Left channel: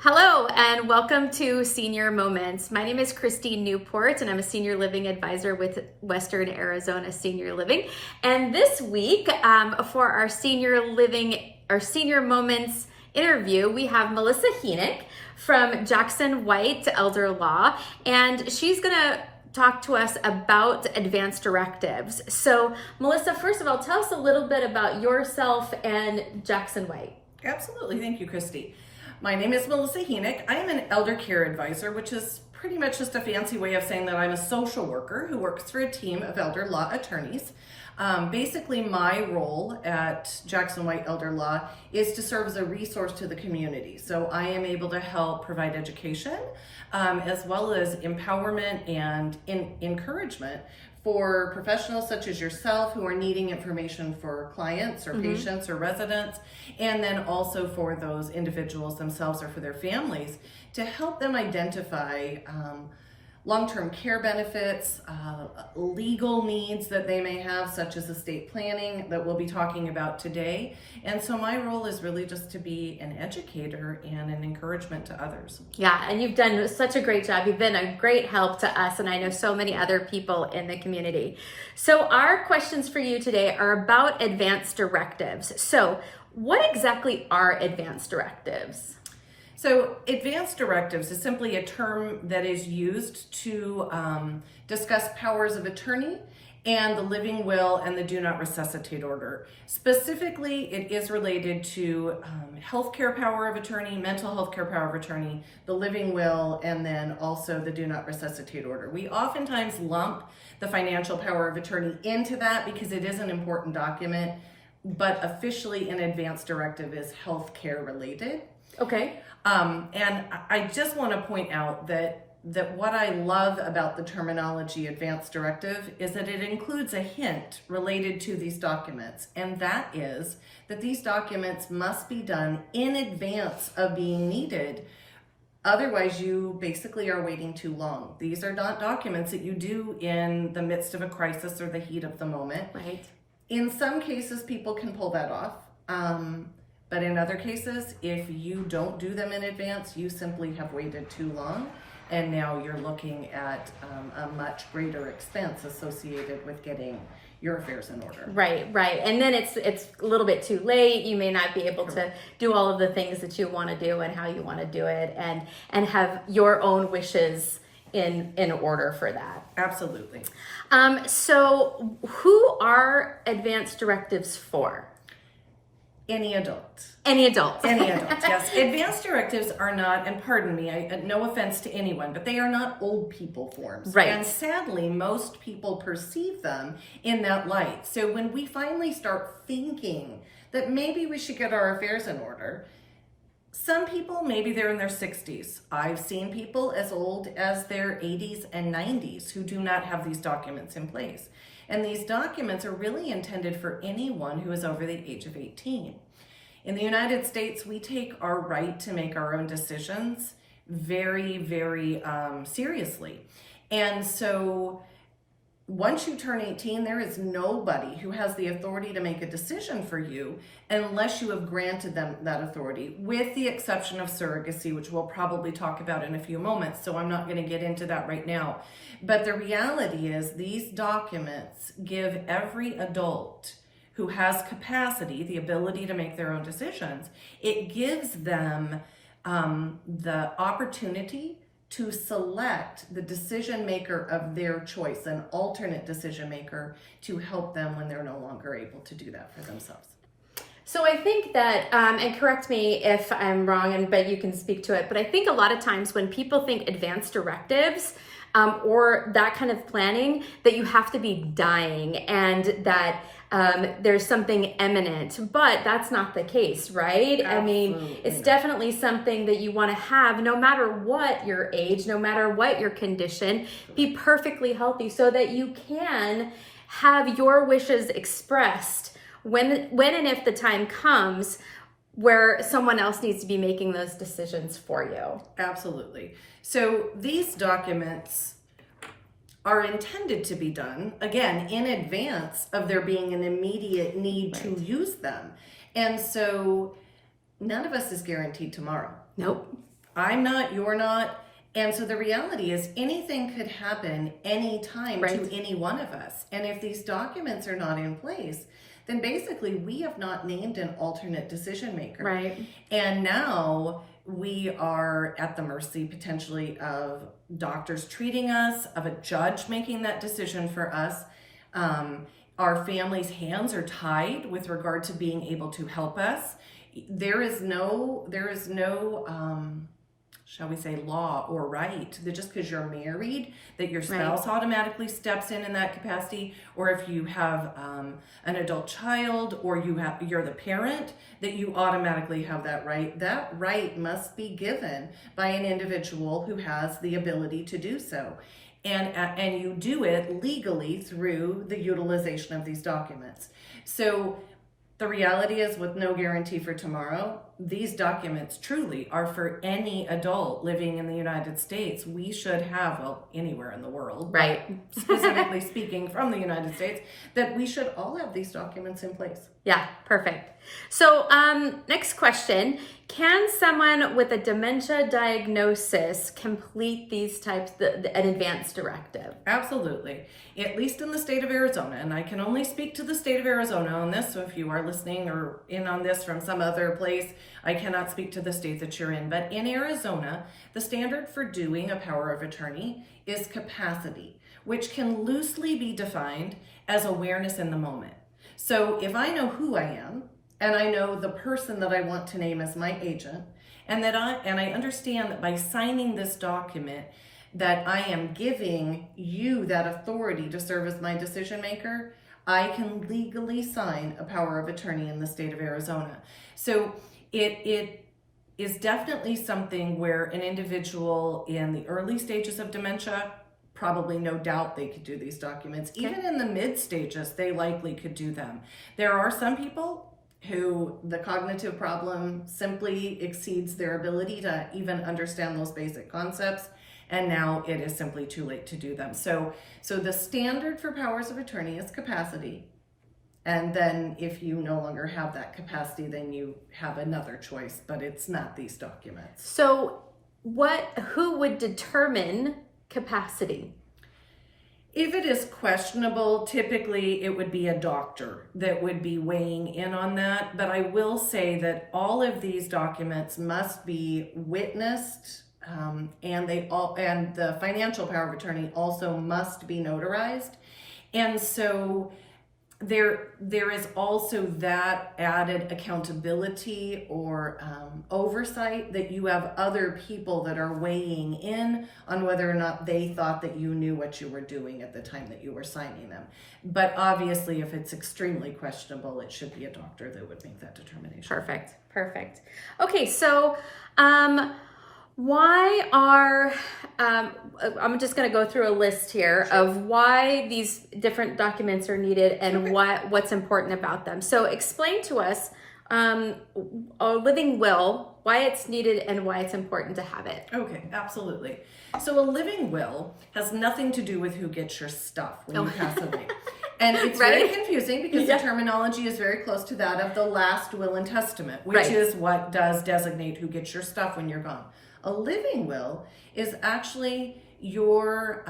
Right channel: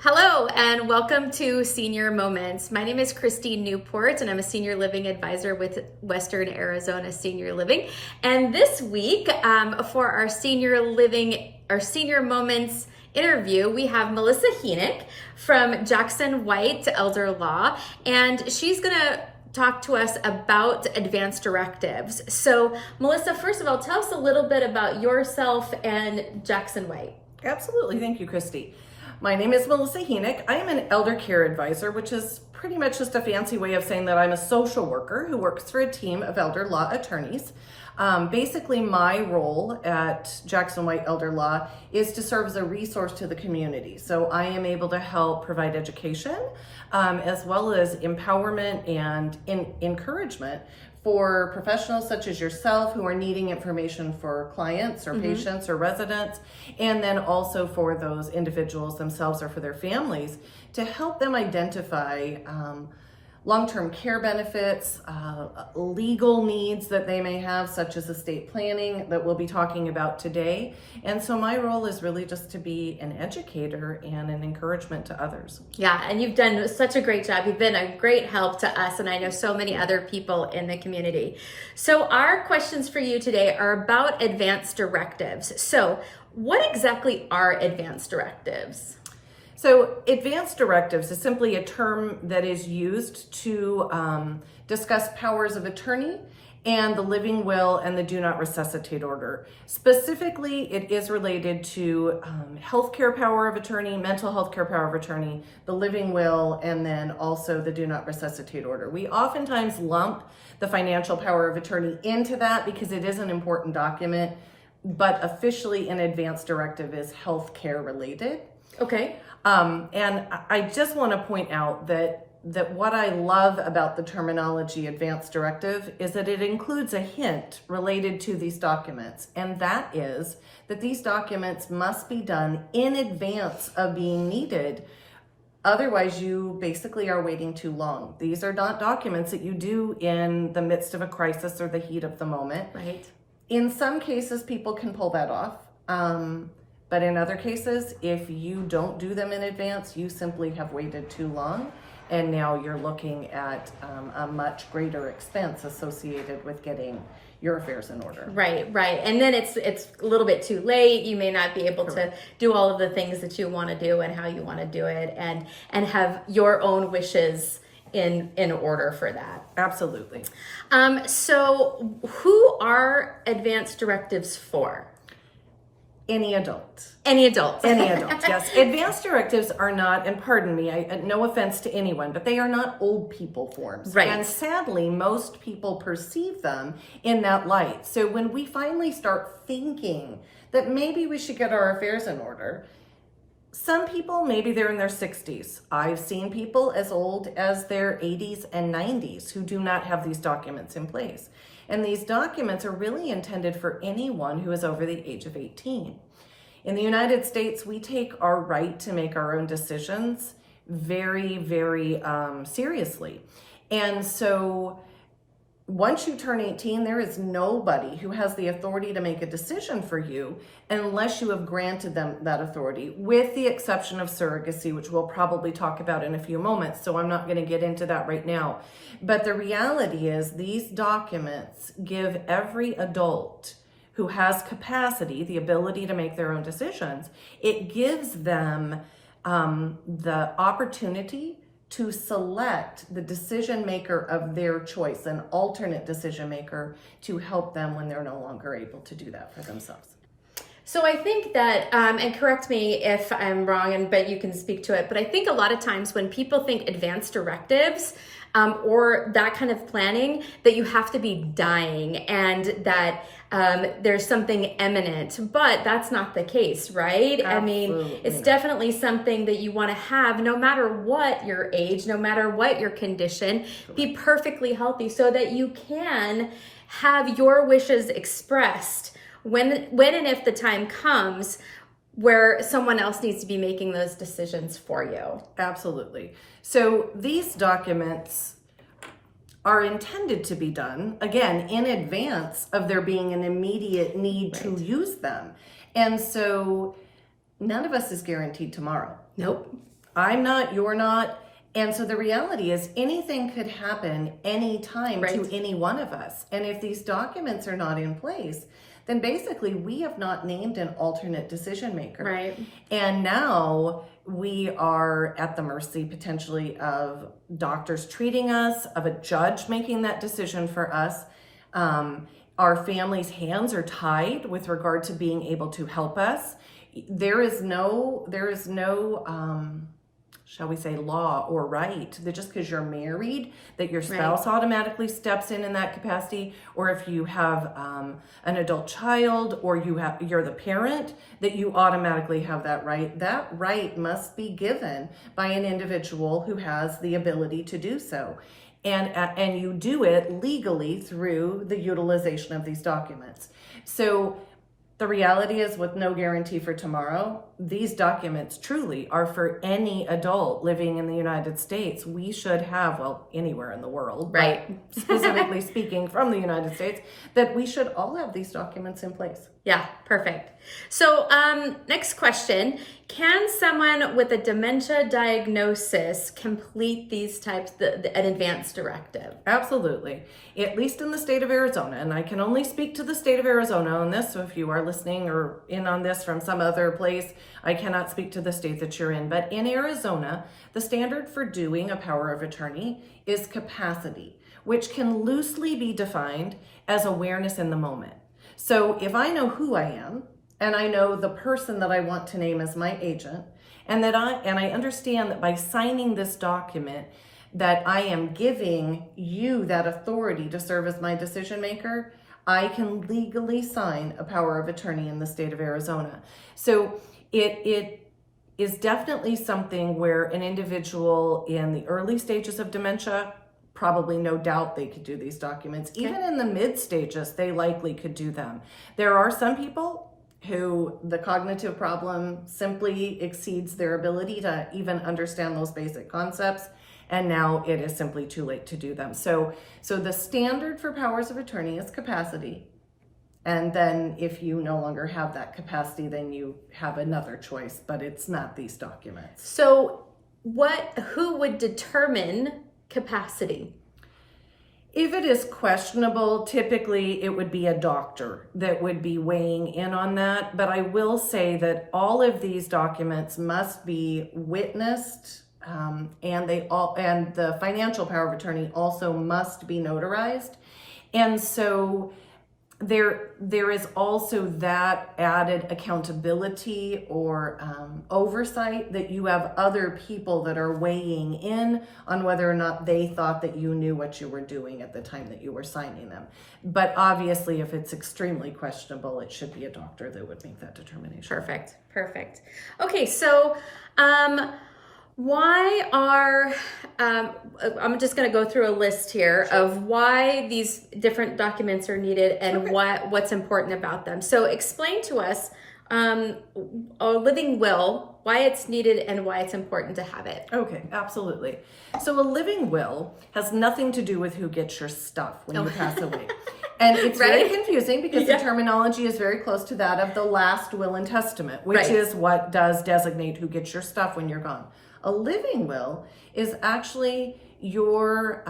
Hello and welcome to Senior Moments. My name is Christine Newport and I'm a senior living advisor with Western Arizona Senior Living. And this week for our Senior Moments interview, we have Melissa Henick from Jackson White Elder Law, and she's gonna talk to us about advanced directives. So Melissa, first of all, tell us a little bit about yourself and Jackson White. Absolutely, thank you, Christy. My name is Melissa Henick. I am an elder care advisor, which is pretty much just a fancy way of saying that I'm a social worker who works for a team of elder law attorneys. Basically, my role at Jackson White Elder Law is to serve as a resource to the community. So I am able to help provide education as well as empowerment and encouragement for professionals such as yourself who are needing information for clients or patients or residents, and then also for those individuals themselves or for their families to help them identify long-term care benefits, legal needs that they may have, such as estate planning that we'll be talking about today. And so my role is really just to be an educator and an encouragement to others. Yeah, and you've done such a great job. You've been a great help to us, and I know so many other people in the community. So our questions for you today are about advanced directives. So what exactly are advanced directives? So advanced directives is simply a term that is used to discuss powers of attorney and the living will and the do not resuscitate order. Specifically, it is related to healthcare power of attorney, mental health care power of attorney, the living will, and then also the do not resuscitate order. We oftentimes lump the financial power of attorney into that because it is an important document, but officially an advanced directive is healthcare related. Okay. And I just want to point out that what I love about the terminology advanced directive is that it includes a hint related to these documents, and that is that these documents must be done in advance of being needed. Otherwise, you basically are waiting too long. These are not documents that you do in the midst of a crisis or the heat of the moment. Right. In some cases, people can pull that off. But in other cases, if you don't do them in advance, you simply have waited too long, and now you're looking at a much greater expense associated with getting your affairs in order. Right. And then it's a little bit too late. You may not be able to do all of the things that you want to do and how you want to do it, and have your own wishes in order for that. Absolutely. So who are advanced directives for? Any adult. Any adult. Any adult, yes. Advanced directives are not, and pardon me, no offense to anyone, but they are not old people forms. Right. And sadly, most people perceive them in that light. So when we finally start thinking that maybe we should get our affairs in order, some people, maybe they're in their 60s. I've seen people as old as their 80s and 90s who do not have these documents in place. And these documents are really intended for anyone who is over the age of 18. In the United States, we take our right to make our own decisions very, very seriously. And so once you turn 18, there is nobody who has the authority to make a decision for you unless you have granted them that authority, with the exception of surrogacy, which we'll probably talk about in a few moments. So I'm not going to get into that right now. But the reality is these documents give every adult who has capacity, the ability to make their own decisions, it gives them the opportunity to select the decision maker of their choice, an alternate decision maker, to help them when they're no longer able to do that for themselves. So I think that, and correct me if I'm wrong, but you can speak to it, but I think a lot of times when people think advanced directives or that kind of planning, that you have to be dying and that there's something imminent, but that's not the case, right? Absolutely. I mean, it's definitely something that you want to have no matter what your age, no matter what your condition, be perfectly healthy so that you can have your wishes expressed when and if the time comes where someone else needs to be making those decisions for you. Absolutely. So these documents are intended to be done, again, in advance of there being an immediate need to use them. And so none of us is guaranteed tomorrow. Nope. I'm not, you're not. And so the reality is anything could happen anytime Right. to any one of us. And if these documents are not in place, then basically we have not named an alternate decision maker. Right. And now we are at the mercy potentially of doctors treating us, of a judge making that decision for us. Our family's hands are tied with regard to being able to help us. There is no, shall we say, law or right that just because you're married, that your spouse automatically steps in that capacity, or if you have an adult child, or you're the parent, that you automatically have that right. That right must be given by an individual who has the ability to do so. And you do it legally through the utilization of these documents. So the reality is, with no guarantee for tomorrow, these documents truly are for any adult living in the United States. We should have, well, anywhere in the world, Right. but specifically speaking from the United States, that we should all have these documents in place. Yeah, perfect. So next question. Can someone with a dementia diagnosis complete these types, an advanced directive? Absolutely. At least in the state of Arizona, and I can only speak to the state of Arizona on this, so if you are listening or in on this from some other place, I cannot speak to the state that you're in. But in Arizona, the standard for doing a power of attorney is capacity, which can loosely be defined as awareness in the moment. So if I know who I am, and I know the person that I want to name as my agent, and I understand that by signing this document that I am giving you that authority to serve as my decision maker, I can legally sign a power of attorney in the state of Arizona. So it is definitely something where an individual in the early stages of dementia, probably no doubt they could do these documents. Okay. Even in the mid stages, they likely could do them. There are some people who the cognitive problem simply exceeds their ability to even understand those basic concepts, and now it is simply too late to do them. So the standard for powers of attorney is capacity, and then if you no longer have that capacity, then you have another choice, but it's not these documents. So who would determine capacity? If it is questionable, typically it would be a doctor that would be weighing in on that. But I will say that all of these documents must be witnessed, and the financial power of attorney also must be notarized. And so there is also that added accountability or oversight that you have other people that are weighing in on whether or not they thought that you knew what you were doing at the time that you were signing them. But obviously, if it's extremely questionable, it should be a doctor that would make that determination. Perfect. Okay, so why are, I'm just going to go through a list here of why these different documents are needed and what's important about them. So explain to us a living will, why it's needed and why it's important to have it. Okay, absolutely. So a living will has nothing to do with who gets your stuff when you pass away. And it's very confusing because the terminology is very close to that of the last will and testament, which is what does designate who gets your stuff when you're gone. A living will is actually your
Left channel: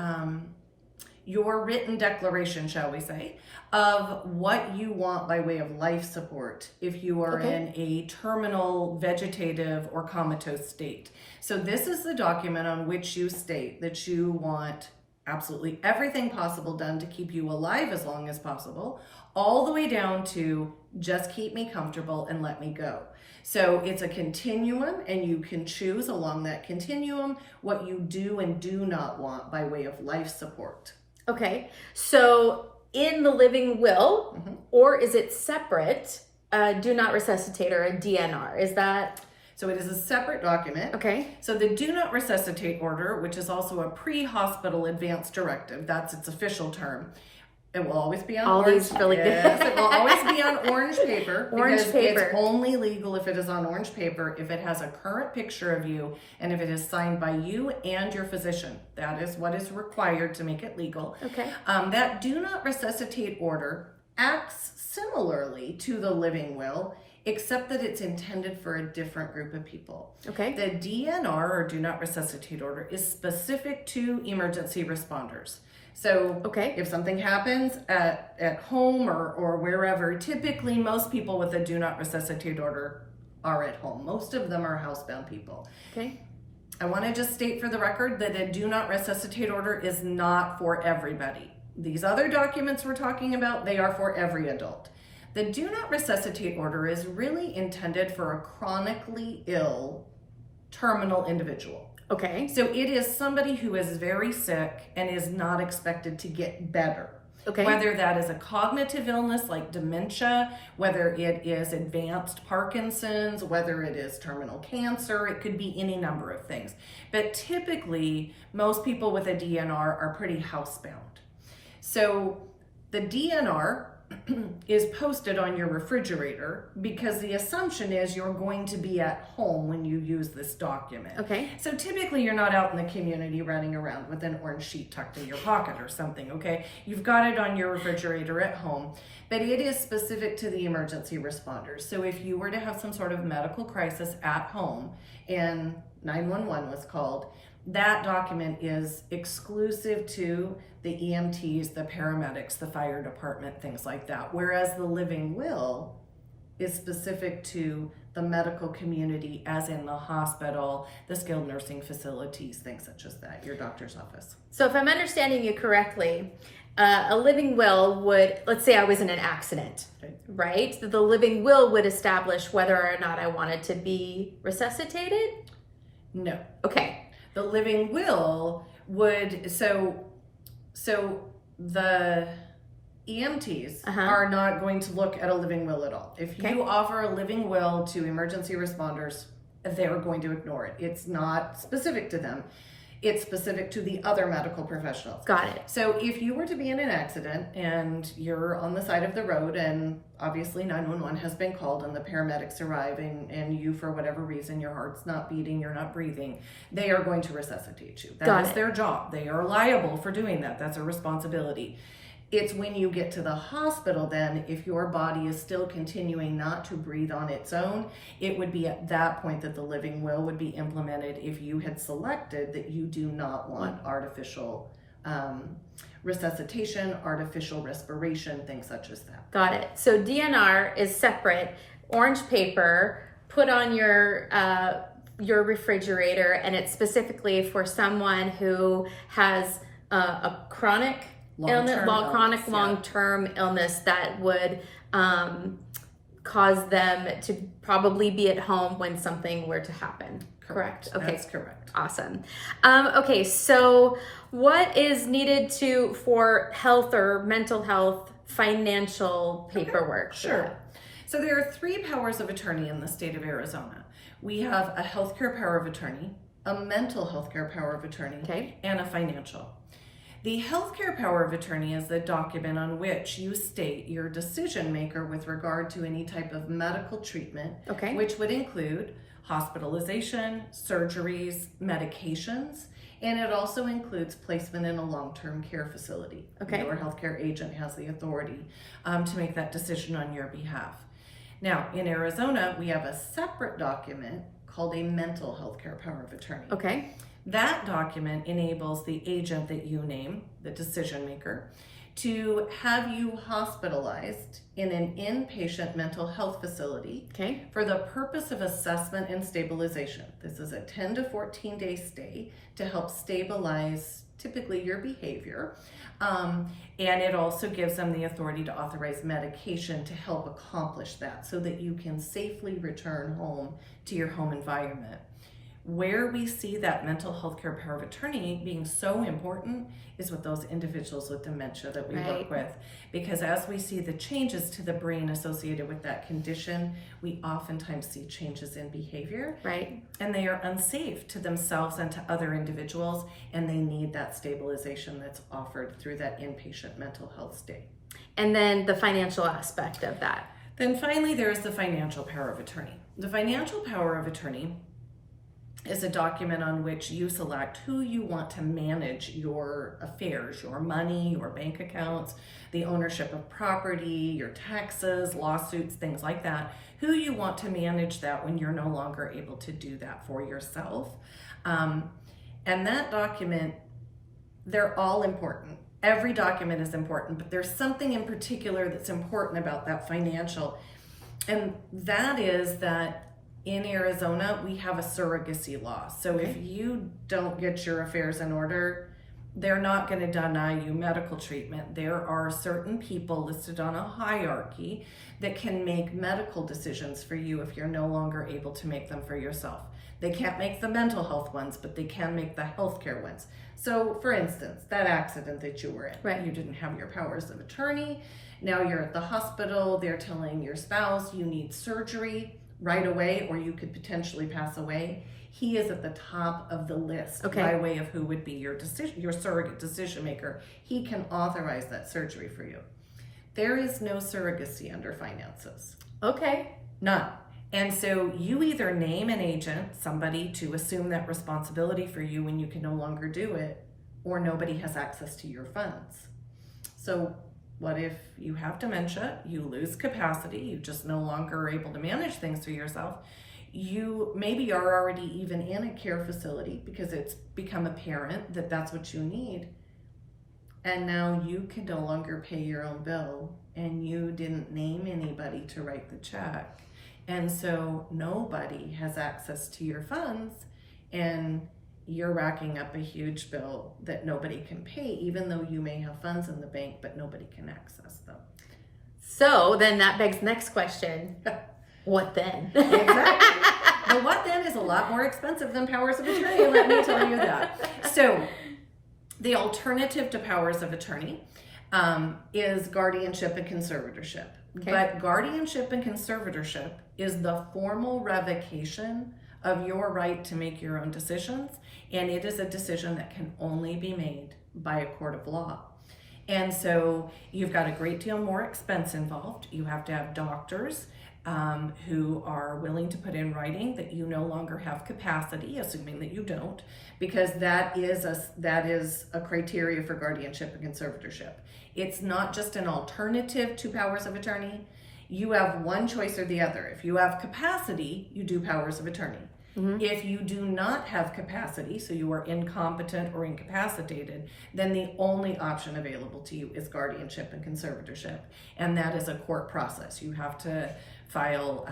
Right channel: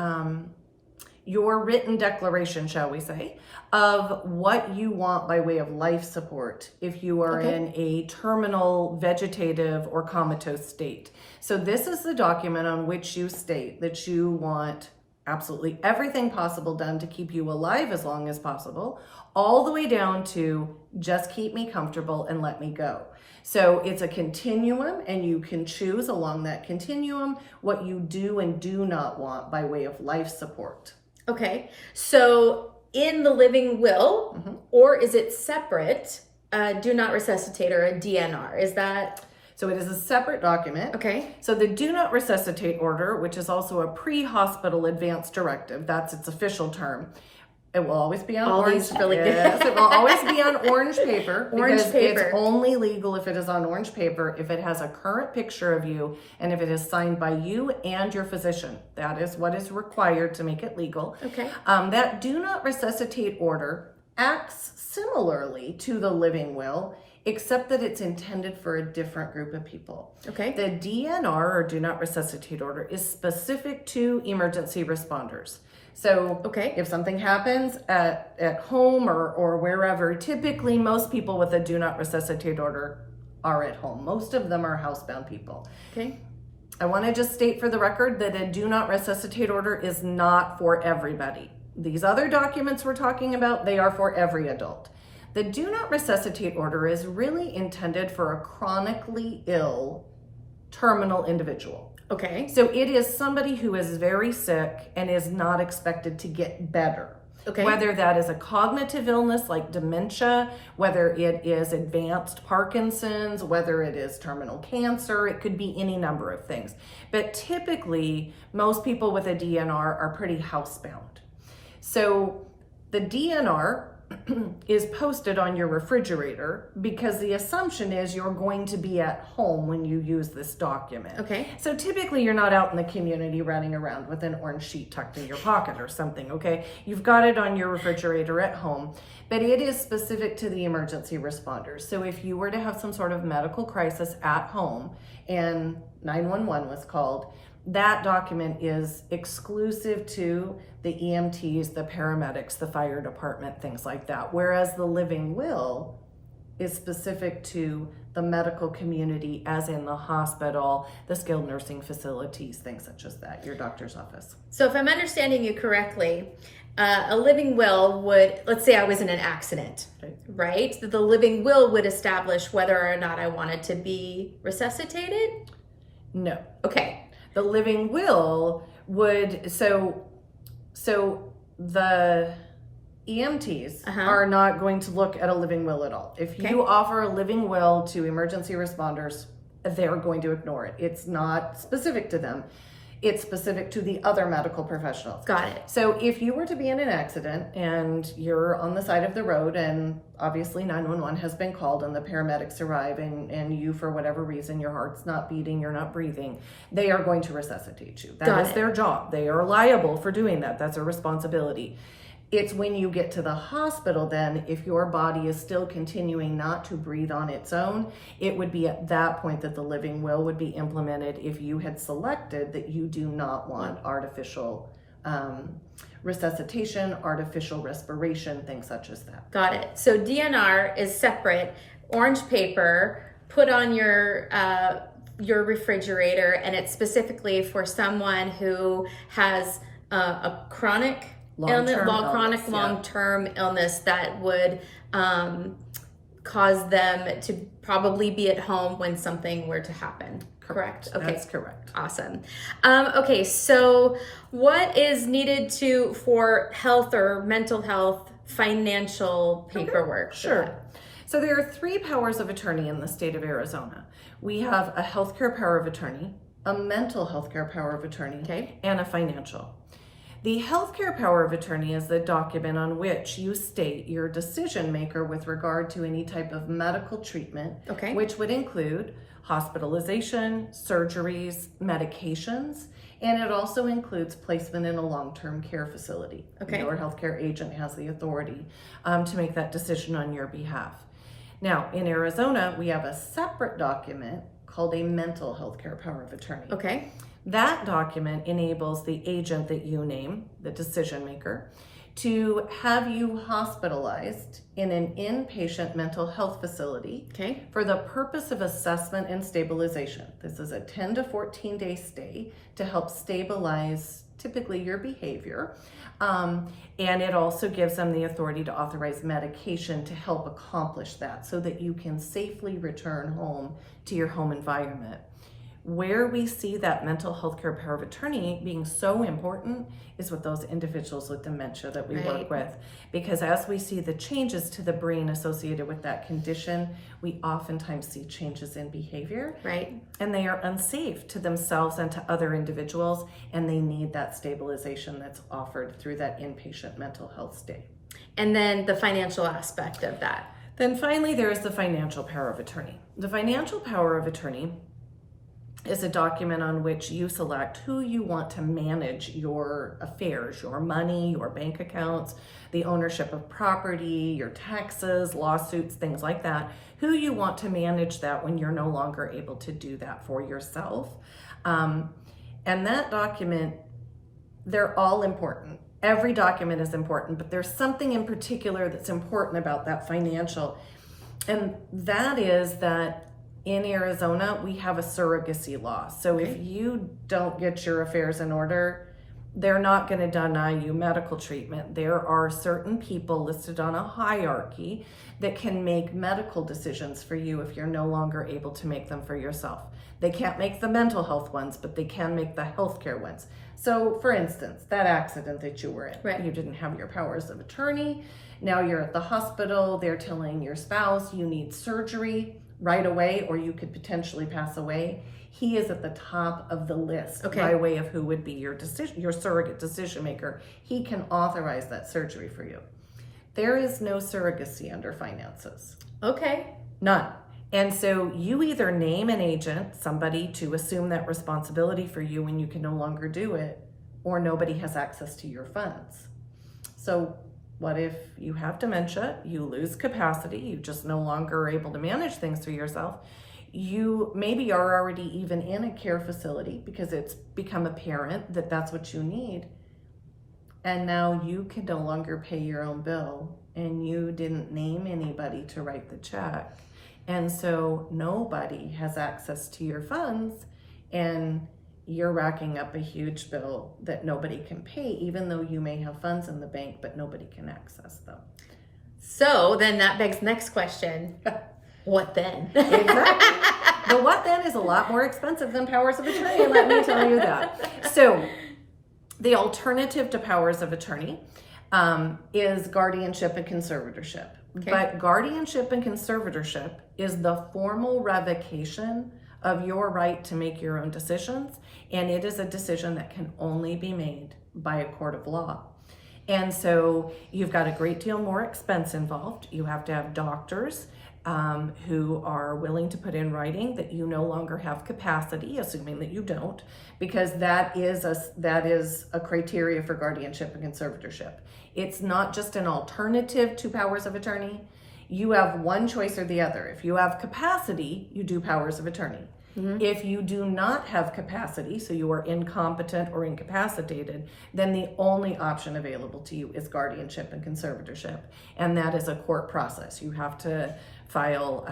written declaration, shall we say, of what you want by way of life support if you are in a terminal, vegetative, or comatose state. So this is the document on which you state that you want absolutely everything possible done to keep you alive as long as possible, all the way down to just keep me comfortable and let me go. So it's a continuum, and you can choose along that continuum what you do and do not want by way of life support. Okay, so in the living will, or is it separate, do not resuscitate or a DNR? Is that? So it is a separate document. Okay. So the do not resuscitate order, which is also a pre-hospital advance directive, that's its official term. It will always be on orange. Yes, it will always be on orange paper. It's only legal if it is on orange paper, if it has a current picture of you, and if it is signed by you and your physician. That is what is required to make it legal. Okay. That do not resuscitate order acts similarly to the living will except that it's intended for a different group of people. Okay. The DNR, or Do Not Resuscitate Order, is specific to emergency responders. So Okay. if something happens at home or wherever, typically most people with a Do Not Resuscitate Order are at home. Most of them are housebound people. Okay. I want to just state for the record that a Do Not Resuscitate Order is not for everybody. These other documents we're talking about, they are for every adult. The Do Not Resuscitate Order is really intended for a chronically ill, terminal individual. Okay. So it is somebody who is very sick and is not expected to get better. Okay. Whether that is a cognitive illness like dementia, whether it is advanced Parkinson's, whether it is terminal cancer, it could be any number of things. But typically, most people with a DNR are pretty housebound. So the DNR is posted on your refrigerator because the assumption is you're going to be at home when you use this document. Okay. So typically you're not out in the community running around with an orange sheet tucked in your pocket or something, okay? You've got it on your refrigerator at home, but it is specific to the emergency responders. So if you were to have some sort of medical crisis at home and 911 was called, that document is exclusive to the EMTs, the paramedics, the fire department, things like that. Whereas the living will is specific to the medical community, as in the hospital, the skilled nursing facilities, things such as that, your doctor's office. So if I'm understanding you correctly, a living will would, let's say I was in an accident, right? The living will would establish whether or not I wanted to be resuscitated? No. Okay. The living will would, so the EMTs are not going to look at a living will at all. If you offer a living will to emergency responders, they're going to ignore it. It's not specific to them. It's specific to the other medical professionals. Got it. So if you were to be in an accident and you're on the side of the road and obviously 911 has been called and the paramedics arrive and you, for whatever reason, your heart's not beating, you're not breathing, they are going to resuscitate you. That is their job. They are liable for doing that. That's a responsibility. It's when you get to the hospital then, if your body is still continuing not to breathe on its own, it would be at that point that the living will would be implemented if you had selected that you do not want artificial resuscitation, artificial respiration, things such as that. Got it. So DNR is separate, orange paper, put on your refrigerator, and it's specifically for someone who has a chronic long-term illness that would cause them to probably be at home when something were to happen. Correct? Okay. That's correct. Awesome. Okay, so what is needed for health or mental health financial paperwork? Sure. So there are 3 powers of attorney in the state of Arizona. We have a healthcare power of attorney, a mental healthcare power of attorney, and a financial. The healthcare power of attorney is the document on which you state your decision maker with regard to any type of medical treatment, which would include hospitalization, surgeries, medications, and it also includes placement in a long-term care facility. Your healthcare agent has the authority to make that decision on your behalf. Now, in Arizona, we have a separate document called a mental healthcare power of attorney. That document enables the agent that you name, the decision maker, to have you hospitalized in an inpatient mental health facility for the purpose of assessment and stabilization. This is a 10 to 14 day stay to help stabilize typically your behavior. And it also gives them the authority to authorize medication to help accomplish that so that you can safely return home to your home environment. Where we see that mental health care power of attorney being so important is with those individuals with dementia that we work with. Because as we see the changes to the brain associated with that condition, we oftentimes see changes in behavior. And they are unsafe to themselves and to other individuals, and they need that stabilization that's offered through that inpatient mental health stay. And then the financial aspect of that. Then finally, there's the financial power of attorney. The financial power of attorney is a document on which you select who you want to manage your affairs, your money, your bank accounts, the ownership of property, your taxes, lawsuits, things like that, who you want to manage that when you're no longer able to do that for yourself. And that document, they're all important. Every document is important, but there's something in particular that's important about that financial. And that is that in Arizona, we have a surrogacy law. So if you don't get your affairs in order, they're not going to deny you medical treatment. There are certain people listed on a hierarchy that can make medical decisions for you if you're no longer able to make them for yourself. They can't make the mental health ones, but they can make the healthcare ones. So for instance, that accident that you were in, Right. You didn't have your powers of attorney. Now you're at the hospital. They're telling your spouse you need surgery right away, or you could potentially pass away. He is at the top of the list by way of who would be your surrogate decision maker. He can authorize that surgery for you. There is no surrogacy under finances. Okay. None. And so you either name an agent, somebody to assume that responsibility for you when you can no longer do it, or nobody has access to your funds. So what if you have dementia, you lose capacity, you just no longer are able to manage things for yourself? You maybe are already even in a care facility because it's become apparent that that's what you need. And now you can no longer pay your own bill, and you didn't name anybody to write the check. And so nobody has access to your funds, and you're racking up a huge bill that nobody can pay, even though you may have funds in the bank, but nobody can access them. So then that begs the next question. What then? Exactly. The what then is a lot more expensive than powers of attorney, let me tell you that. So the alternative to powers of attorney is guardianship and conservatorship. Okay. But guardianship and conservatorship is the formal revocation of your right to make your own decisions, and it is a decision that can only be made by a court of law. And so you've got a great deal more expense involved. You have to have doctors who are willing to put in writing that you no longer have capacity, assuming that you don't, because that is a criteria for guardianship and conservatorship. It's not just an alternative to powers of attorney. You have one choice or the other. If you have capacity, you do powers of attorney. Mm-hmm. If you do not have capacity, so you are incompetent or incapacitated, then the only option available to you is guardianship and conservatorship, and that is a court process. You have to file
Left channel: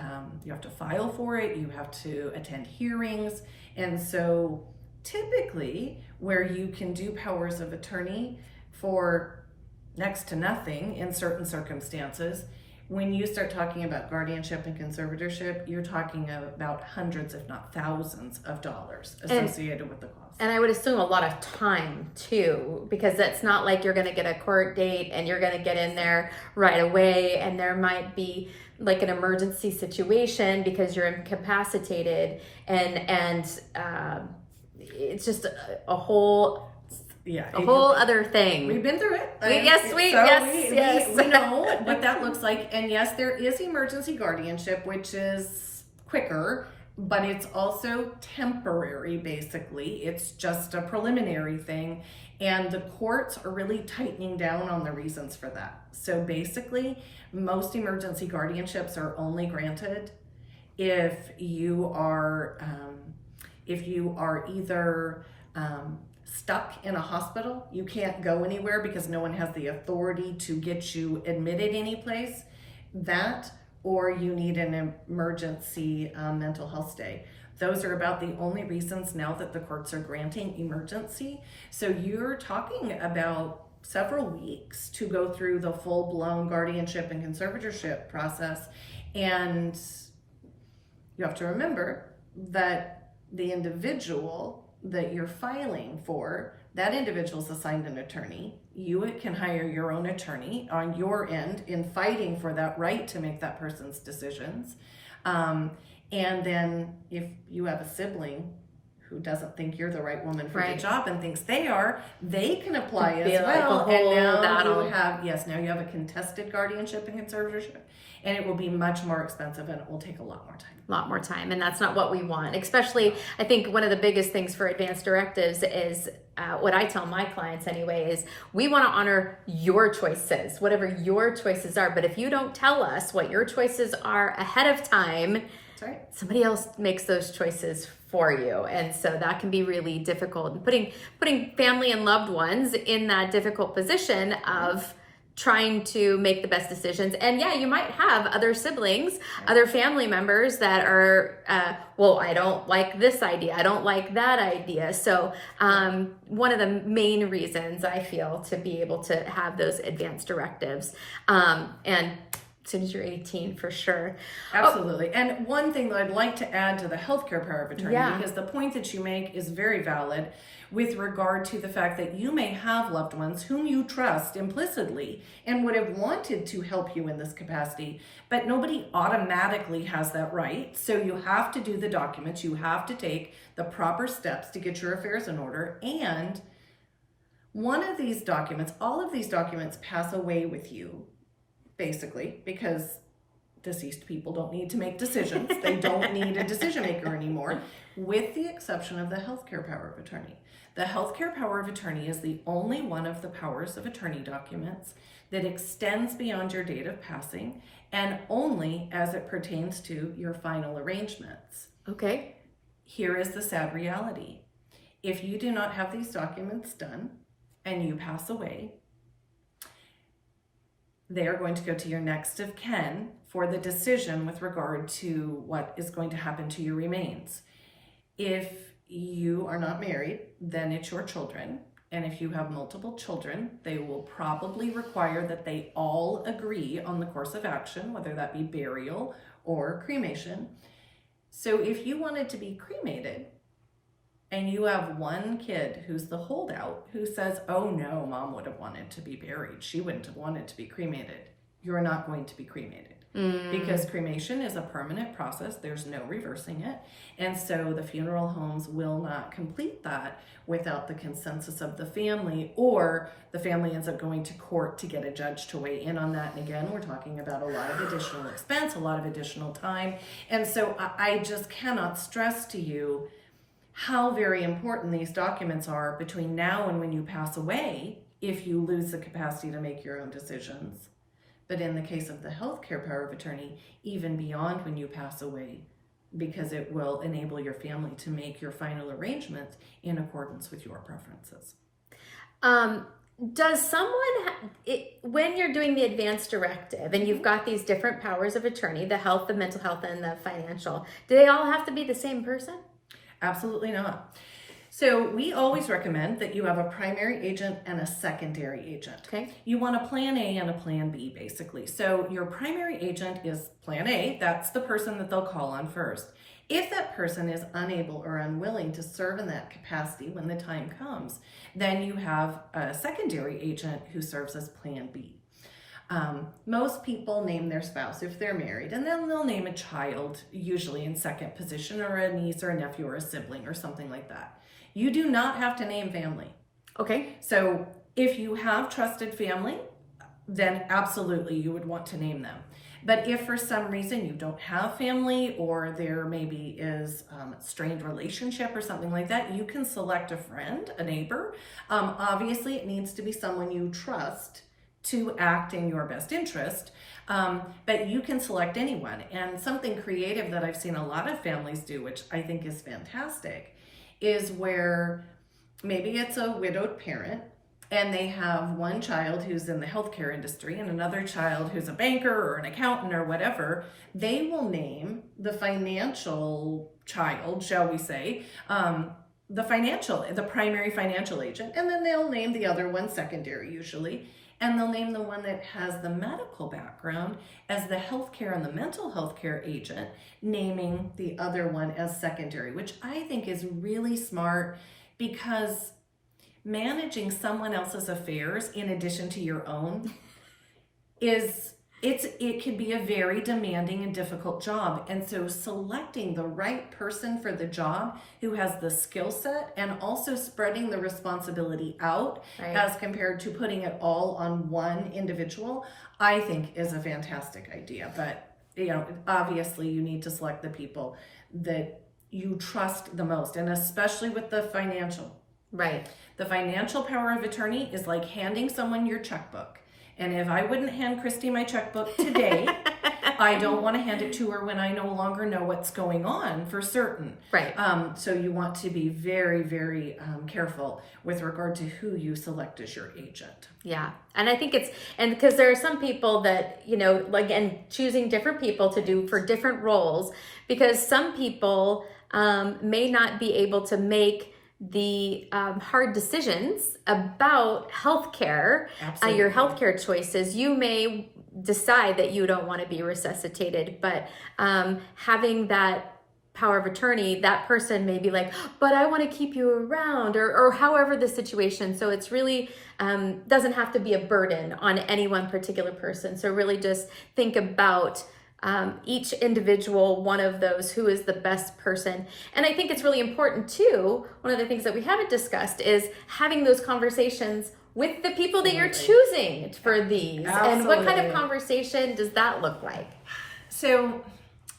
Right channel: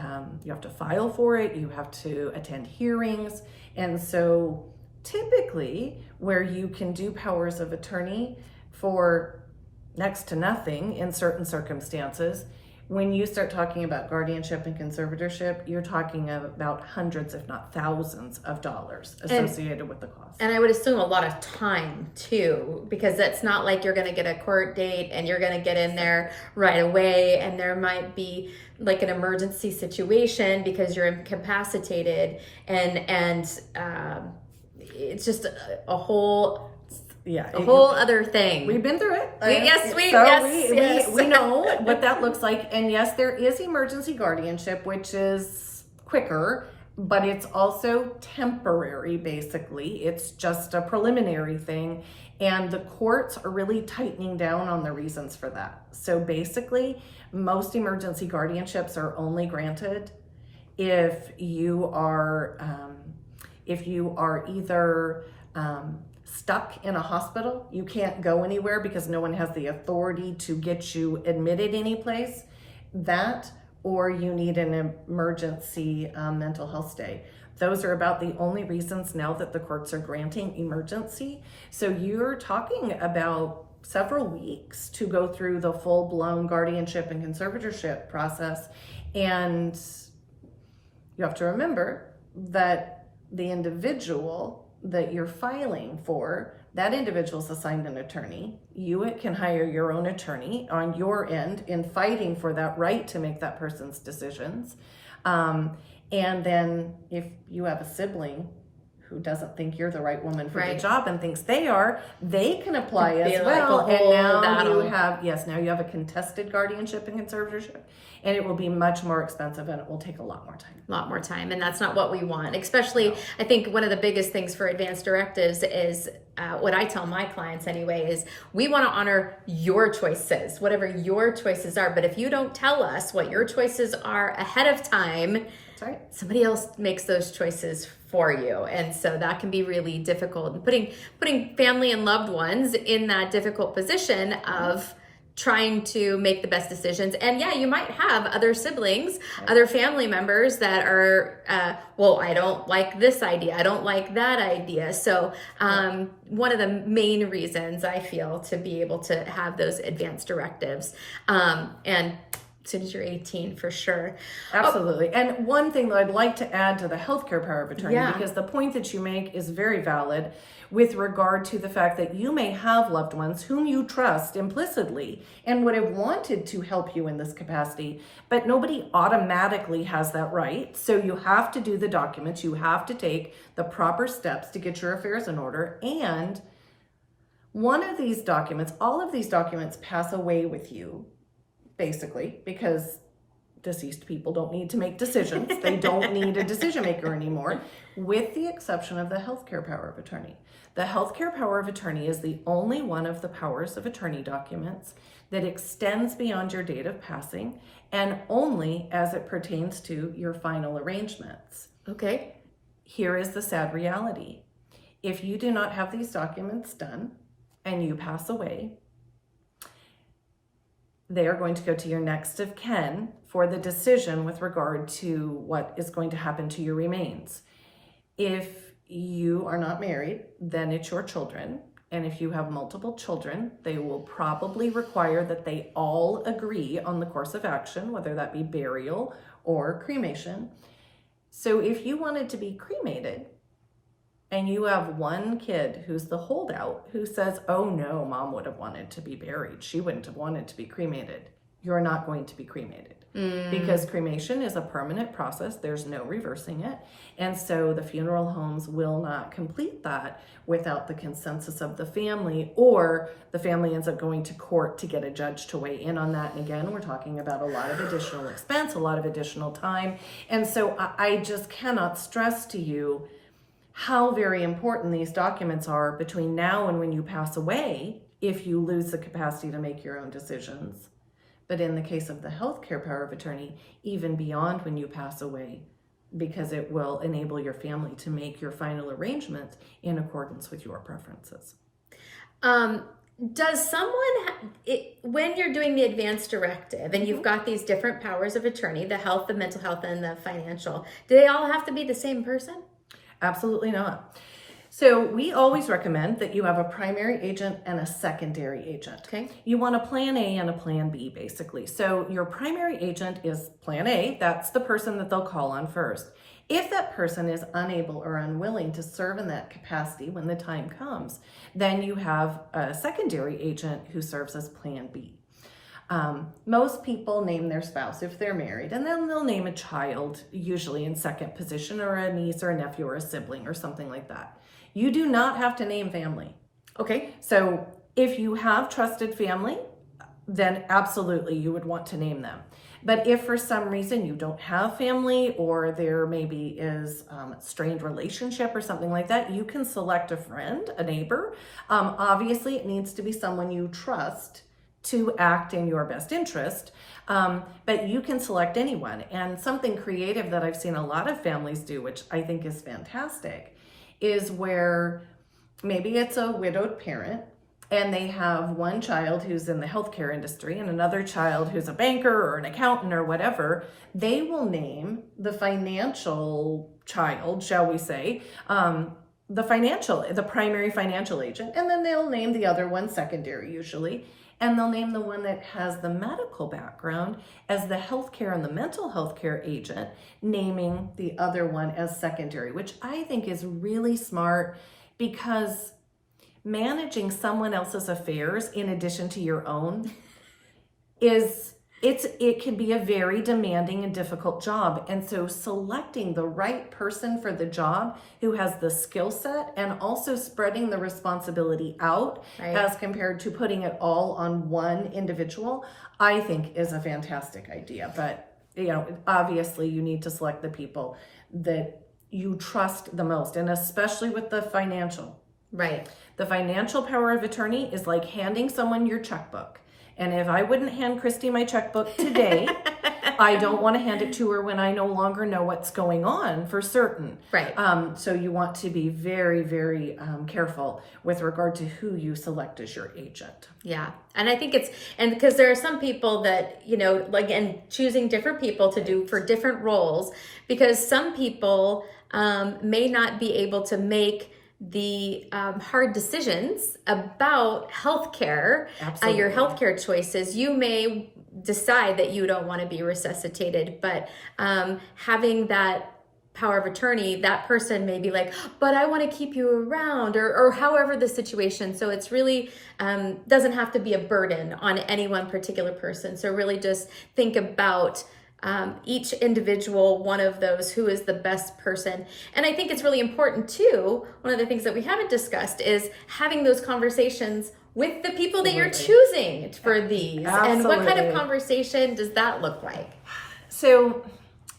for it. You have to attend hearings, and so typically, where you can do powers of attorney for next to nothing in certain circumstances, when you start talking about guardianship and conservatorship, you're talking about hundreds, if not thousands of dollars associated with the cost. And I would assume a lot of time too, because it's not like you're going to get a court date and you're going to get in there right away, and there might be like an emergency situation because you're incapacitated, and it's just a whole other thing. We've been through it. We know what that looks like. And yes, there is emergency guardianship, which is quicker, but it's also temporary, basically. It's just a preliminary thing. And the courts are really tightening down on the reasons for that. So basically, most emergency guardianships are only granted if you are either stuck in a hospital, you can't go anywhere because no one has the authority to get you admitted anyplace, that, or you need an emergency mental health stay. Those are about the only reasons now that the courts are granting emergency. So you're talking about several weeks to go through the full-blown guardianship and conservatorship process. And you have to remember that the individual that you're filing for, that individual's assigned an attorney. You can hire your own attorney on your end in fighting for that right to make that person's decisions. And then if you have a sibling who doesn't think you're the right woman for the job and thinks they are, they can apply as well. And now you have a contested guardianship and conservatorship. and it will be much more expensive, and it will take a lot more time. A lot more time, and that's not what we want. Especially, I think one of the biggest things for advanced directives is what I tell my clients anyway is we want to honor your choices, whatever your choices are. But if you don't tell us what your choices are ahead of time, That's right. somebody else makes those choices for you, and so that can be really difficult. And putting family and loved ones in that difficult position of trying to make the best decisions. And yeah, you might have other siblings, other family members that are, well, I don't like this idea, I don't like that idea. So one of the main reasons I feel to be able to have those advanced directives, and as soon as you're 18, for sure. Absolutely. And one thing that I'd like to add to the healthcare power of attorney, because the point that you make is very valid with regard to the fact that you may have loved ones whom you trust implicitly and would have wanted to help you in this capacity, but nobody automatically has that right. So you have to do the documents, you have to take the proper steps to get your affairs in order. And one of these documents, all of these documents pass away with you, basically, because deceased people don't need to make decisions. They don't need a decision maker anymore, with the exception of the healthcare power of attorney. The healthcare power of attorney is the only one of the powers of attorney documents that extends beyond your date of passing, and only as it pertains to your final arrangements. Okay. Here is the sad reality. If you do not have these documents done and you pass away, they are going to go to your next of kin for the decision with regard to what is going to happen to your remains. If you are not married, then it's your children. And if you have multiple children, they will probably require that they all agree on the course of action, whether that be burial or cremation. So if you wanted to be cremated, and you have one kid who's the holdout who says, oh no, mom would have wanted to be buried, she wouldn't have wanted to be cremated, you're not going to be cremated. Because cremation is a permanent process, there's no reversing it. And so the funeral homes will not complete that without the consensus of the family, or the family ends up going to court to get a judge to weigh in on that. And again, we're talking about a lot of additional expense, a lot of additional time. And so I just cannot stress to you how very important these documents are between now and when you pass away, if you lose the capacity to make your own decisions. But in the case of the healthcare power of attorney, even beyond when you pass away, because it will enable your family to make your final arrangements in accordance with your preferences. Does someone, when you're doing the advanced directive and you've got these different powers of attorney, the health, the mental health, and the financial, do they all have to be the same person? Absolutely not. So we always recommend that you have a primary agent and a secondary agent. Okay. You want a plan A and a plan B, basically. So your primary agent is plan A. That's the person that they'll call on first. If that person is unable or unwilling to serve in that capacity when the time comes, then you have a secondary agent who serves as plan B. Most people name their spouse if they're married, and then they'll name a child, usually in second position, or a niece or a nephew or a sibling or something like that. You do not have to name family. Okay. So if you have trusted family, then absolutely you would want to name them. But if for some reason you don't have family, or there maybe is a strained relationship or something like that, you can select a friend, a neighbor. Obviously, it needs to be someone you trust to act in your best interest, but you can select anyone. And something creative that I've seen a lot of families do, which I think is fantastic, is where maybe it's a widowed parent and they have one child who's in the healthcare industry and another child who's a banker or an accountant or whatever. They will name the financial child, shall we say, the primary financial agent, and then they'll name the other one secondary usually. And they'll name the one that has the medical background as the healthcare and the mental health care agent, naming the other one as secondary, which I think is really smart, because managing someone else's affairs in addition to your own is It can be a very demanding and difficult job. And so selecting the right person for the job who has the skill set and also spreading the responsibility out Right. as compared to putting it all on one individual, I think is a fantastic idea. But, obviously you need to select the people that you trust the most, and especially with the financial. Right. The financial power of attorney is like handing someone your checkbook. And if I wouldn't hand Christy my checkbook today, I don't want to hand it to her when I no longer know what's going on for certain. Right. So you want to be very, very careful with regard to who you select as your agent. Yeah. And I think and because there are some people that, and choosing different people to do for different roles, because some people may not be able to make the hard decisions about healthcare, your healthcare choices. You may decide that you don't want to be resuscitated, but having that power of attorney, that person may be like, but I want to keep you around, or however the situation. So it's really doesn't have to be a burden on any one particular person. So really just think about each individual one of those, who is the best person. And I think it's really important too, one of the things that we haven't discussed is having those conversations with the people that you're choosing for these. Absolutely. And what kind of conversation does that look like? So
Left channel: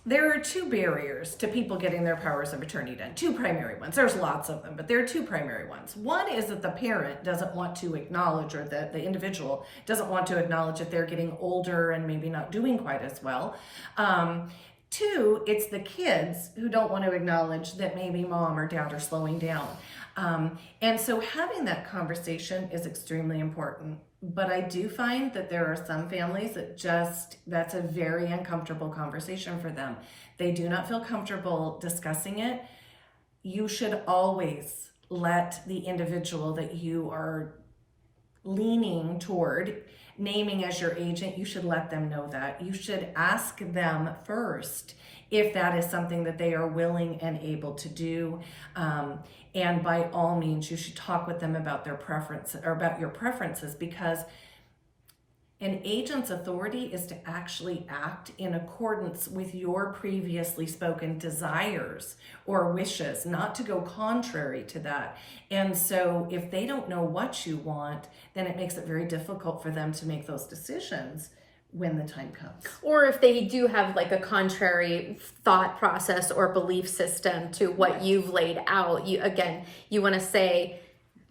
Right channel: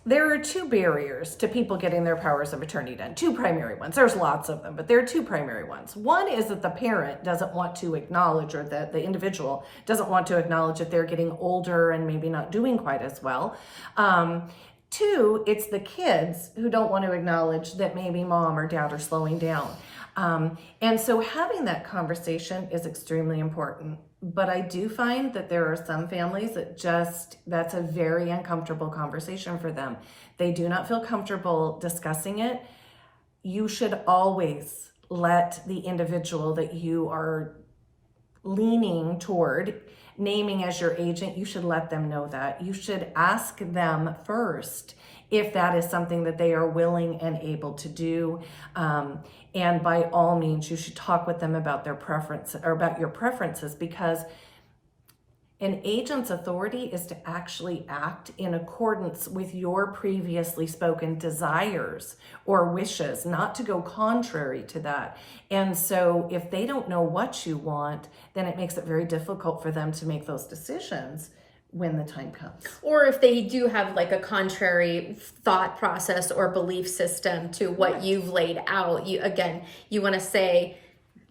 there are two barriers to people getting their powers of attorney done. Two primary ones. There's lots of them, but there are two primary ones. One is that the parent doesn't want to acknowledge, or that the individual doesn't want to acknowledge that they're getting older and maybe not doing quite as well. Two, it's the kids who don't want to acknowledge that maybe mom or dad are slowing down. And so having that conversation is extremely important. But I do find that there are some families that that's a very uncomfortable conversation for them. They do not feel comfortable discussing it. You should always let the individual that you are leaning toward, naming as your agent, you should let them know that. You should ask them first if that is something that they are willing and able to do. And by all means, you should talk with them about their preference, or about your preferences, because an agent's authority is to actually act in accordance with your previously spoken desires or wishes, not to go contrary to that. And so if they don't know what you want, then it makes it very difficult for them to make those decisions when the time comes. Or if they do have like a contrary thought process or belief system to what you've laid out, you want to say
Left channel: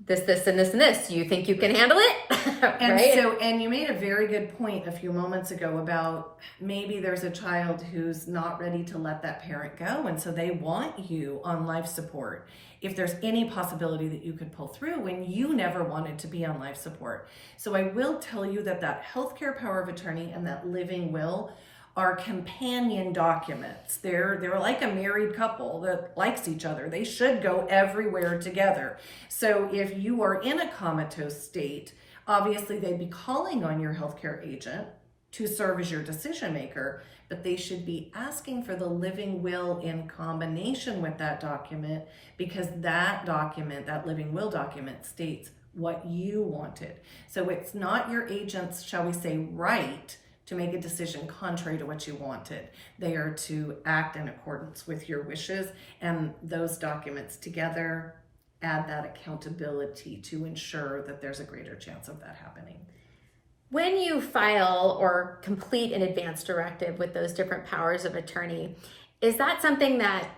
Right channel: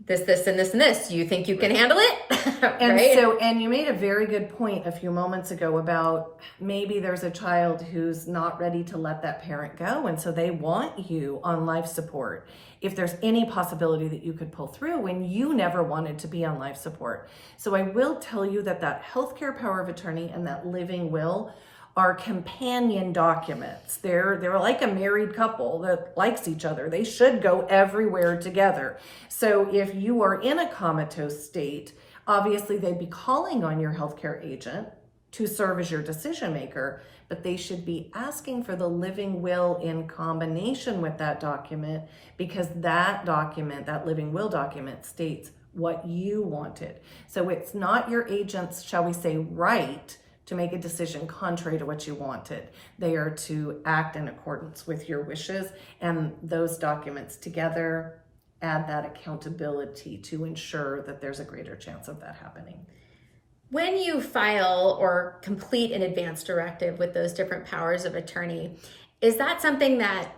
this, and this, and this. You think you can handle it? Right? And you made a very good point a few moments ago about maybe there's a child who's not ready to let that parent go, and so they want you on life support. If there's any possibility that you could pull through when you never wanted to be on life support. So I will tell you that healthcare power of attorney and that living will are companion documents. They're like a married couple that likes each other. They should go everywhere together. So if you are in a comatose state, obviously they'd be calling on your healthcare agent to serve as your decision maker, but they should be asking for the living will in combination with that document, because that document, that living will document, states what you wanted. So it's not your agent's, shall we say, right to make a decision contrary to what you wanted. They are to act in accordance with your wishes, and those documents together add that accountability to ensure that there's a greater chance of that happening. When you file or complete an advance directive with those different powers of attorney, is that something that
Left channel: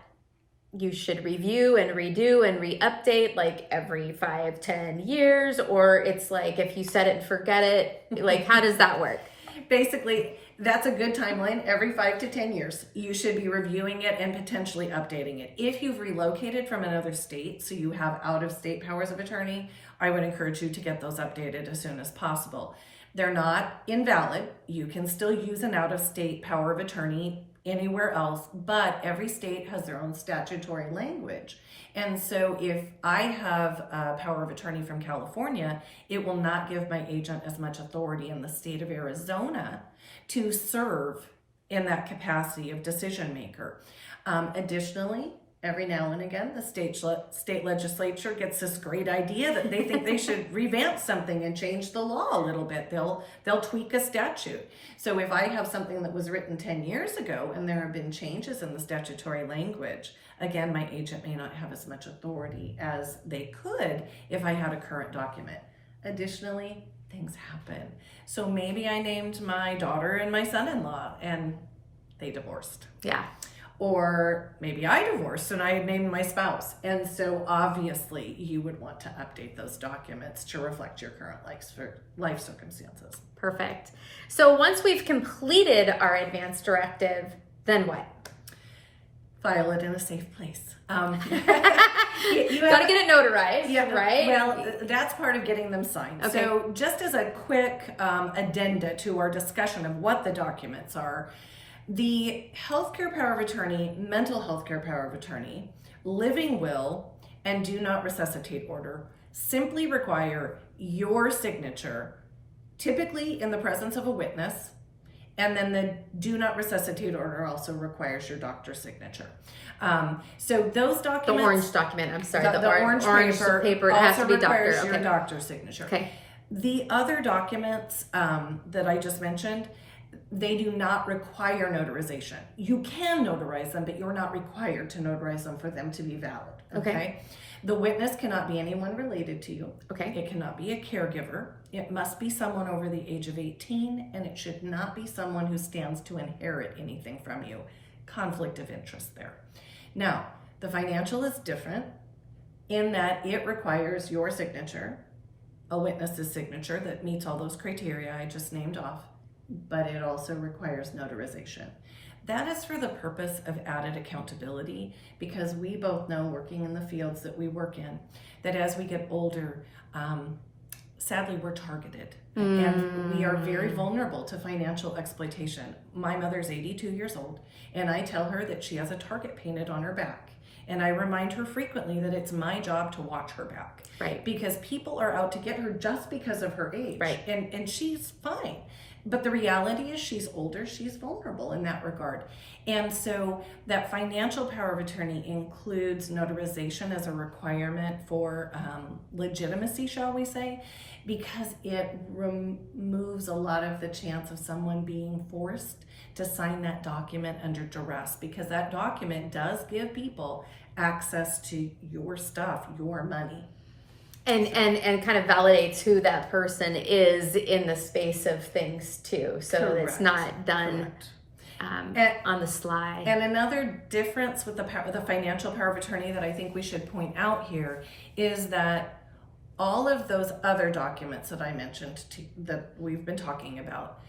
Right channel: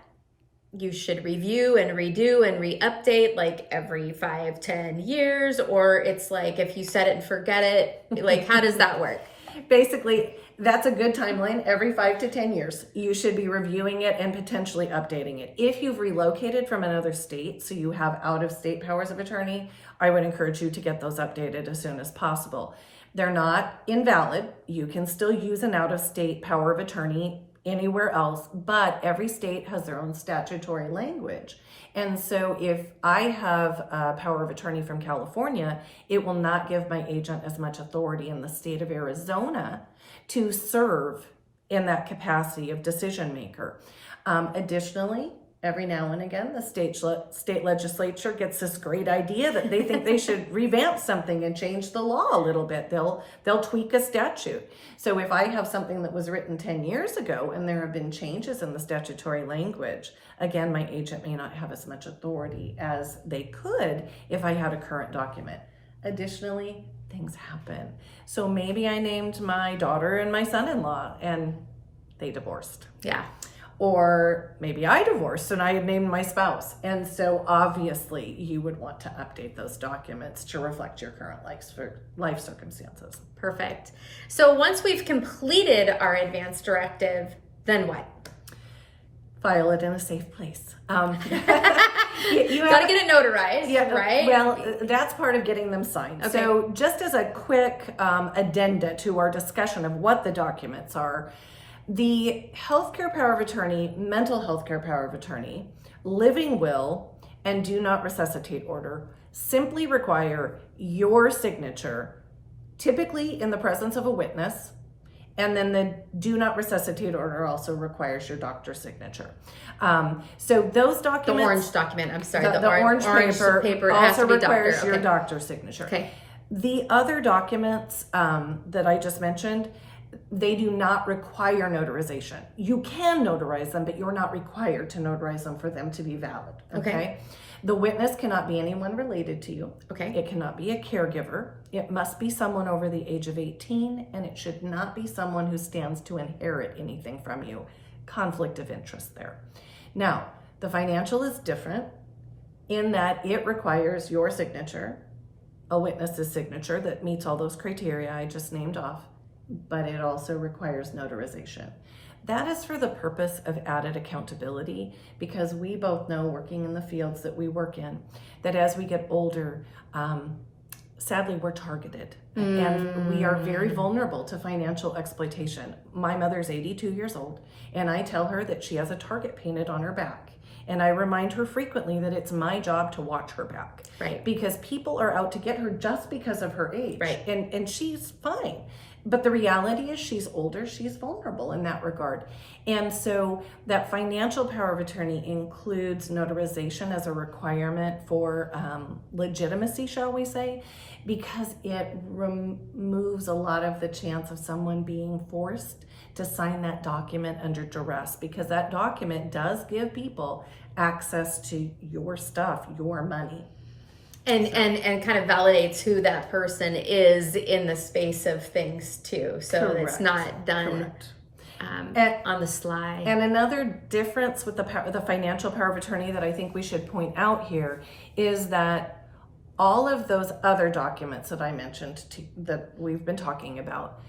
you should review and redo and re-update like every 5-10 years? Or it's like, if you set it and forget it, like how does that work? Basically, that's a good timeline. Every 5 to 10 years, you should be reviewing it and potentially updating it. If you've relocated from another state, so you have out-of-state powers of attorney, I would encourage you to get those updated as soon as possible. They're not invalid. You can still use an out-of-state power of attorney anywhere else, but every state has their own statutory language. And so if I have a power of attorney from California, it will not give my agent as much authority in the state of Arizona to serve in that capacity of decision maker. Additionally, every now and again, the state legislature gets this great idea that they think they should revamp something and change the law a little bit. They'll tweak a statute. So if I have something that was written 10 years ago and there have been changes in the statutory language, again, my agent may not have as much authority as they could if I had a current document. Additionally, things happen. So maybe I named my daughter and my son-in-law and they divorced. Yeah. Or maybe I divorced and I named my spouse. And so obviously you would want to update those documents to reflect your current life circumstances. Perfect. So once we've completed our advance directive, then what? File it in a safe place. You got to get it notarized, yeah, right? Well, that's part of getting them signed. Okay. So just as a quick addenda to our discussion of what the documents are, the healthcare power of attorney, mental health care power of attorney, living will, and do not resuscitate order simply require your signature, typically in the presence of a witness, and then the do not resuscitate order also requires your doctor's signature. So those documents... The orange document, I'm sorry. The orange paper it has to also be doctor. requires your Okay. doctor's signature. Okay. The other documents that I just mentioned, they do not require notarization. You can notarize them, but you're not required to notarize them for them to be valid. Okay. The witness cannot be anyone related to you. Okay. It cannot be a caregiver. It must be someone over the age of 18, and it should not be someone who stands to inherit anything from you. Conflict of interest there. Now, the financial is different in that it requires your signature, a witness's signature that meets all those criteria I just named off, but it also requires notarization. That is for the purpose of added accountability, because we both know, working in the fields that we work in, that as we get older, sadly, we're targeted and we are very vulnerable to financial exploitation. My mother's 82 years old, and I tell her that she has a target painted on her back. And I remind her frequently that it's my job to watch her back. Right. Because people are out to get her just because of her age. Right. And she's fine. But the reality is she's older, she's vulnerable in that regard. And so that financial power of attorney includes notarization as a requirement for legitimacy, shall we say, because it removes a lot of the chance of someone being forced to sign that document under duress, because that document does give people access to your stuff, your money. And kind of validates who that person is in the space of things too. So Correct. it's not done And- on the sly. And another difference with the financial power of attorney that I think we should point out here is that all of those other documents that I mentioned that we've been talking about,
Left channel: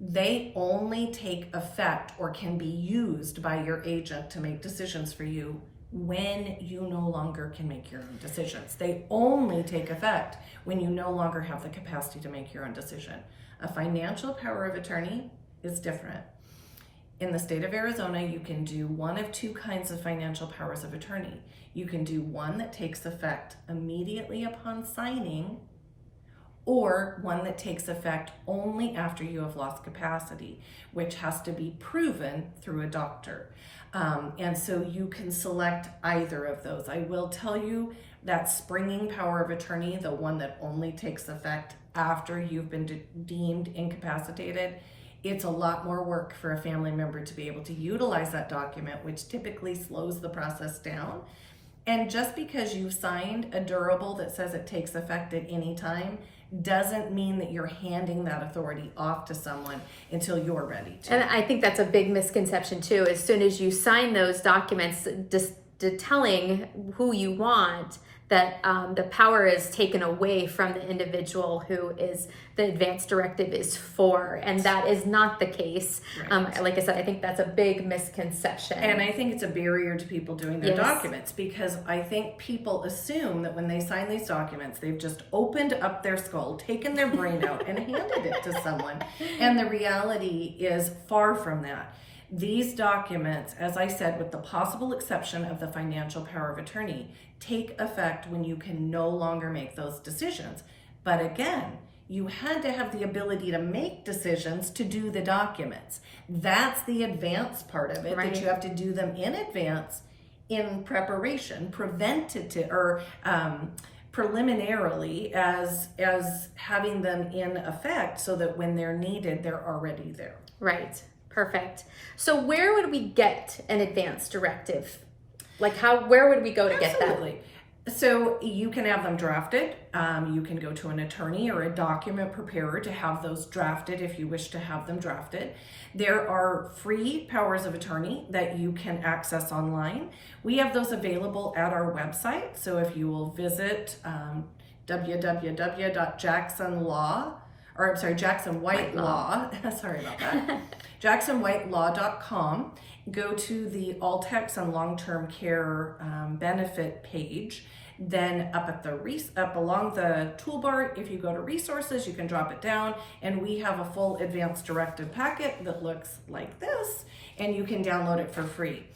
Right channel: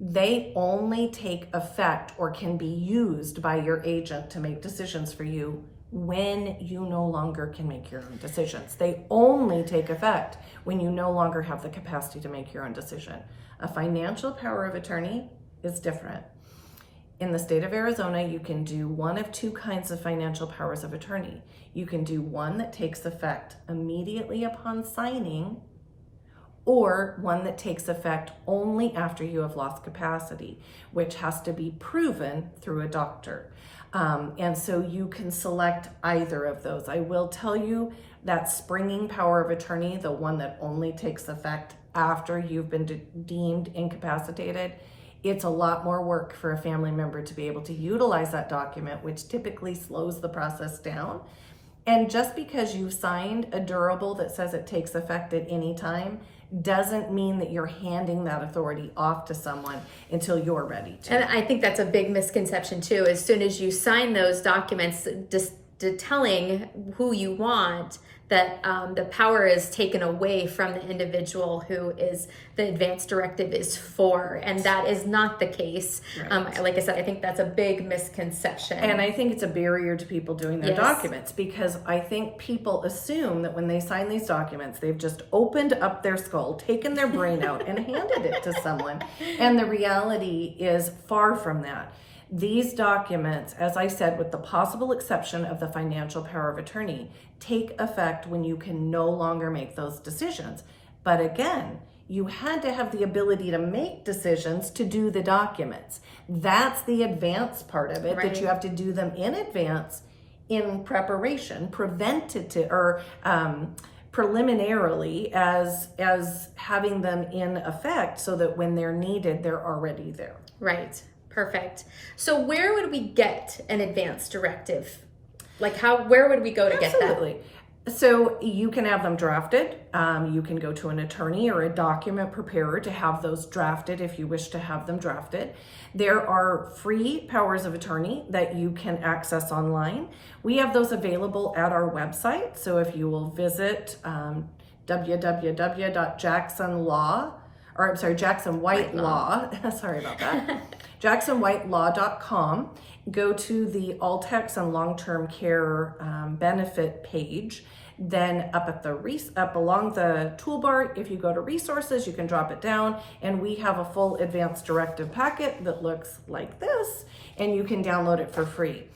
they only take effect or can be used by your agent to make decisions for you when you no longer can make your own decisions. They only take effect when you no longer have the capacity to make your own decision. A financial power of attorney is different. In the state of Arizona, you can do one of two kinds of financial powers of attorney. You can do one that takes effect immediately upon signing, or one that takes effect only after you have lost capacity, which has to be proven through a doctor. And so you can select either of those. I will tell you that springing power of attorney, the one that only takes effect after you've been deemed incapacitated, it's a lot more work for a family member to be able to utilize that document, which typically slows the process down. And just because you've signed a durable that says it takes effect at any time doesn't mean that you're handing that authority off to someone until you're ready to. And I think that's a big misconception too. As soon as you sign those documents, just telling who you want, that the power is taken away from the individual who is the advance directive is for, and that is not the case. Right. Like I said, I think that's a big misconception. And I think it's a barrier to people doing their Yes. documents, because I think people assume that when they sign these documents, they've just opened up their skull, taken their brain out, and handed it to someone. And the reality is far from that. These documents, as I said, with the possible exception of the financial power of attorney, take effect when you can no longer make those decisions. But again, you had to have the ability to make decisions to do the documents. That's the advance part of it, Right. that you have to do them in advance in preparation, preventative or preliminarily as having them in effect so that when they're needed, they're already there. Right. Perfect. So where would we get an advance directive? Like where would we go to get that? Absolutely. So you can have them drafted. You can go to an attorney or a document preparer to have those drafted if you wish to have them drafted. There are free powers of attorney that you can access online. We have those available at our website. So if you will visit jacksonwhitelaw, sorry about that, jacksonwhitelaw.com, go to the All-Tex and Long-Term Care benefit page. Then up along the toolbar, if you go to resources, you can drop it down, and we have a full advanced directive packet that looks like this, and you can download it for free.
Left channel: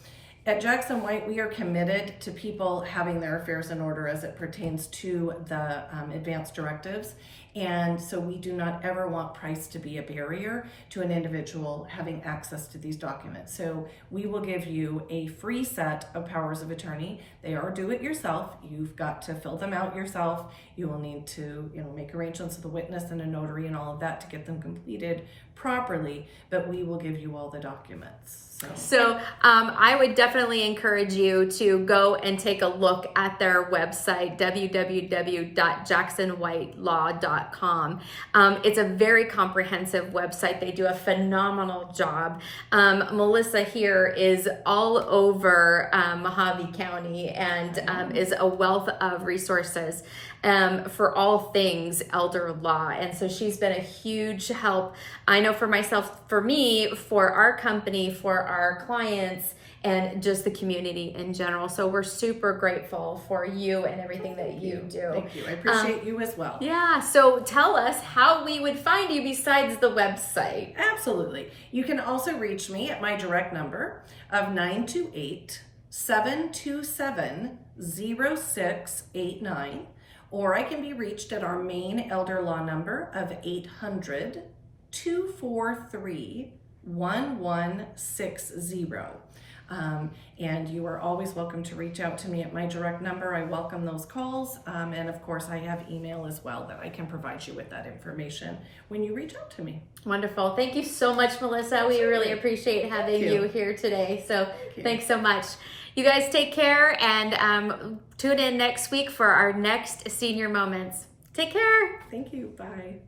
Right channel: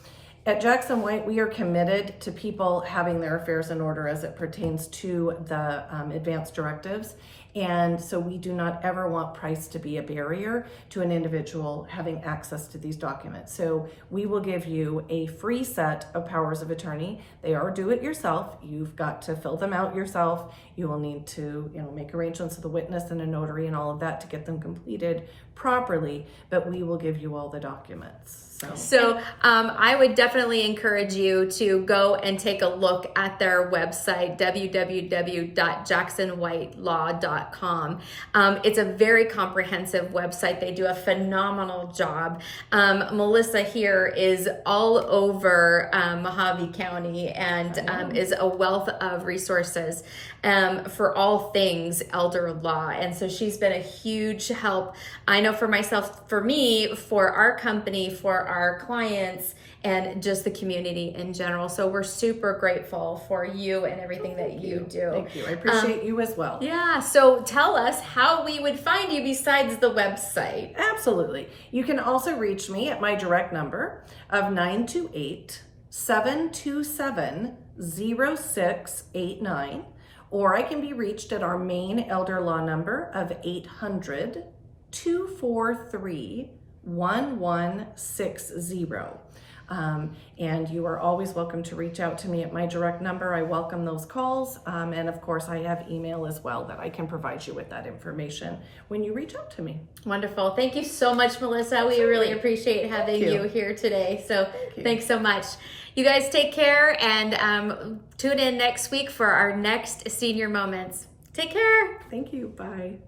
At Jackson White, we are committed to people having their affairs in order as it pertains to the advanced directives. And so we do not ever want price to be a barrier to an individual having access to these documents. So we will give you a free set of powers of attorney. They are do it yourself. You've got to fill them out yourself. You will need to, make arrangements with a witness and a notary and all of that to get them completed properly, but we will give you all the documents. So I would definitely encourage you to go and take a look at their website, www.jacksonwhitelaw.com. It's a very comprehensive website. They do a phenomenal job. Melissa here is all over Mojave County and is a wealth of resources for all things elder law. And so she's been a huge help. I know for myself, for me, for our company, for our clients, and just the community in general. So we're super grateful for you and everything that you do. Thank you. I appreciate you as well. Yeah. So tell us how we would find you besides the website. Absolutely. You can also reach me at my direct number of 928-727-0689, or I can be reached at our main elder law number of 800-243-1160. And you are always welcome to reach out to me at my direct number. I welcome those calls. And of course, I have email as well that I can provide you with that information when you reach out to me. Wonderful. Thank you so much, Melissa. Absolutely. We really appreciate having you here today. So thanks so much. You guys take care and tune in next week for our next Senior Moments. Take care. Thank you. Bye.